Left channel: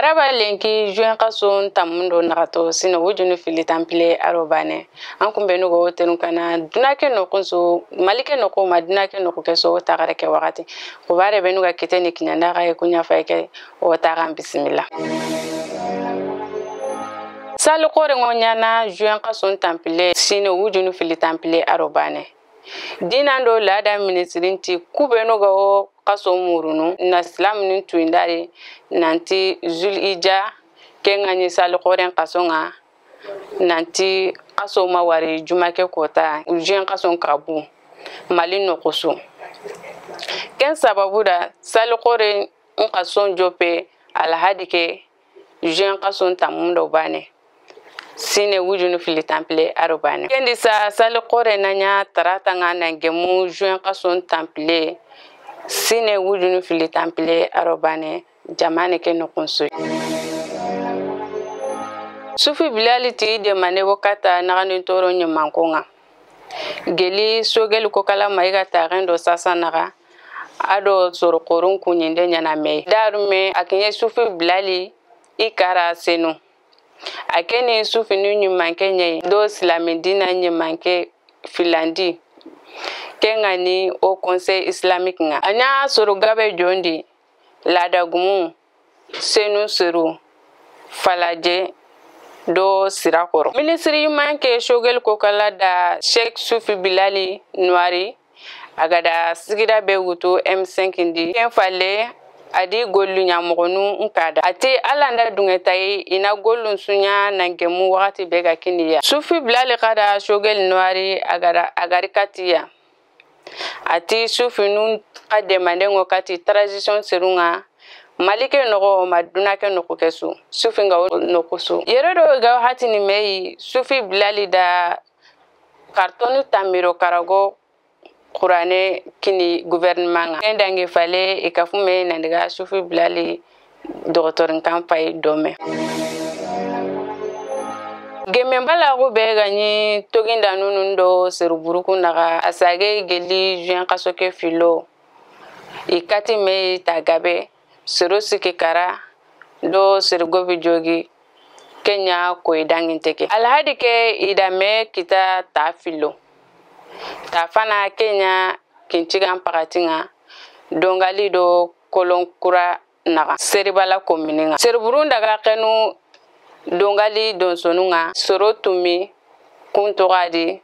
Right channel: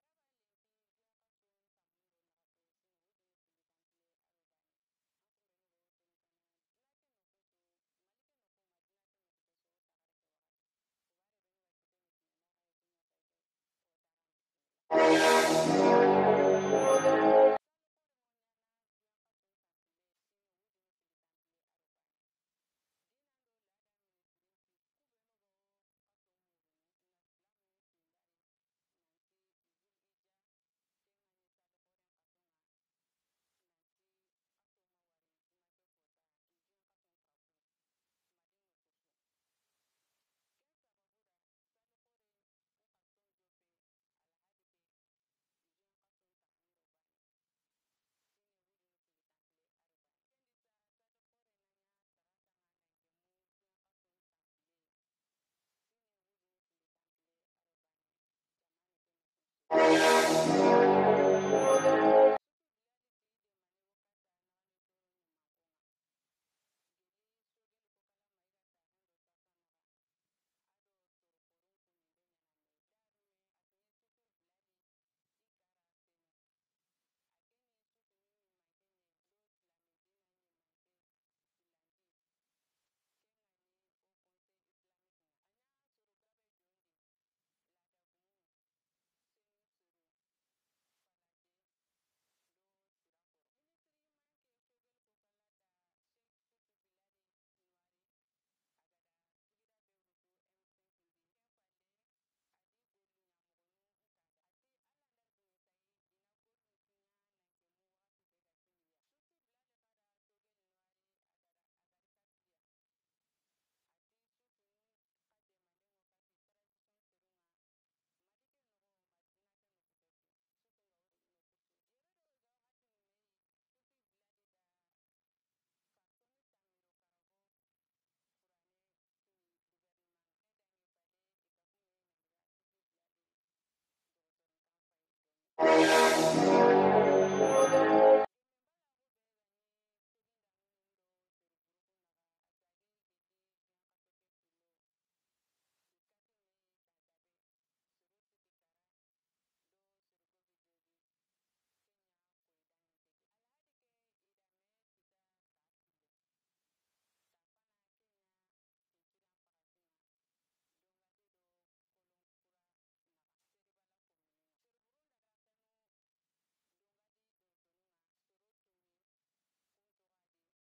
Araba lenki juin kason tamundo nagato sino wujunu fili tampile arobane an kun benu go tenu kana dunake no kunso malike no ko madunake no ko keso tagare ke wakati ko bare benu ga kiteni kinyanda ga kunya faike o tagan bismillah sal qore ngonyana juin kason tampile sino wujunu fili tampile arobane dinando lada ministrinti kubenu go kaso murunu na islam nin tuindari nanti zulhijja kengani sal qoren kasonga nanti kaso mawari jumake kota ujen kason kabu malino kusu ken sababu da sal qoren kason jope alhadike ujen kason tamundo bane sine wujunu fili tampile arobane kendi sa sal qoren nanya tarata ngana ngemu juin kason tampile sine wujunu fili tampile arobane jamane ke no konso sufi bilali ti de mane wakata nagani toro nyamankonga geli sogel ko kala maiga tarendo sasa naga ado soro korun kunyinde nyana me darume akinye sufi bilali ikara senu akeni sufi nyumanke nye do islamidina nyamanke filandi kengani au conseil islamique nga anya soro gabe jondi ladagumu senu suru falaje do sirakoro ministri manke shogel kokala da Sheikh Sufi Bilali Nwari agada sigira be wuto M5 ndi kenfale adi gollu nyamogonu nkada ati alanda dungetai ina gollu sunya nangemu wakati bega kiniya Sufi Bilali kada shogel Nwari agarikatiya ati sufi nun kademande ngokati transition serunga malike nogo madunake noko kesu sufi nga nokosu yeredo ga hati ni mei Sufi Bilali da kartonu tamiro karago Qur'ane kini gouvernement nga ndange fale ikafume nandiga Sufi Bilali docteur campagne dome Gemembala go bega ni toginda nunundo seruburuku naga asage geli juin kasoke filo ikati me tagabe serosike kara do sergobi jogi Kenya ko idanginteke alhadi ke idame kita ta filo ta fana Kenya kinchigan pagatinga dongali do kolonkura naga seribala komininga seruburunda ga kenu dongali don sonunga sorotumi kuntogadi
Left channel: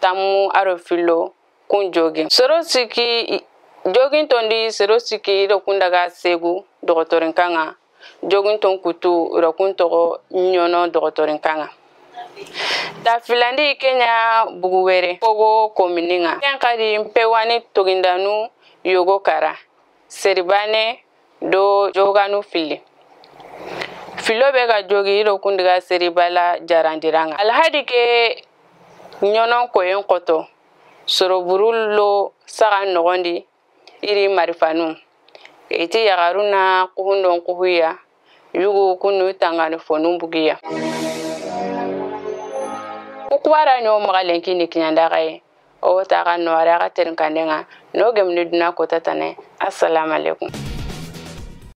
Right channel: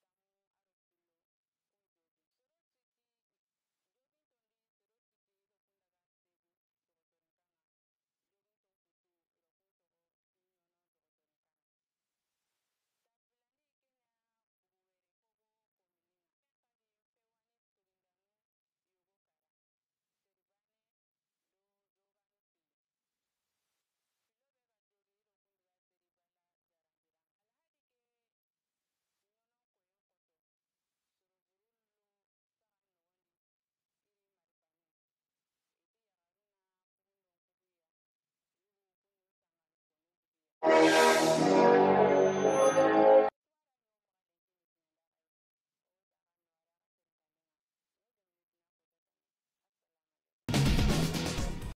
tamu arofilo kunjogi sorosiki jogin tondi sorosiki do kundaga segu dogotorin kanga jogin ton kutu ro kuntogo nyono dogotorin kanga ta filandi Kenya buguwere pogo komininga yankadi mpewani togindanu yogo kara seribane do joganu fili filo bega jogi ro kundiga seribala jarandiranga alhadi ke nyonon koyen koto soroburulo saga nogondi iri marifanu iti yagaruna kuhundon kuhuya yugo kunu tangani fonun bugiya kukwara nyo magalenki ni kinyandagaye o taga no ara ga terin kandenga no gemni duna ko tatane assalamu alaikum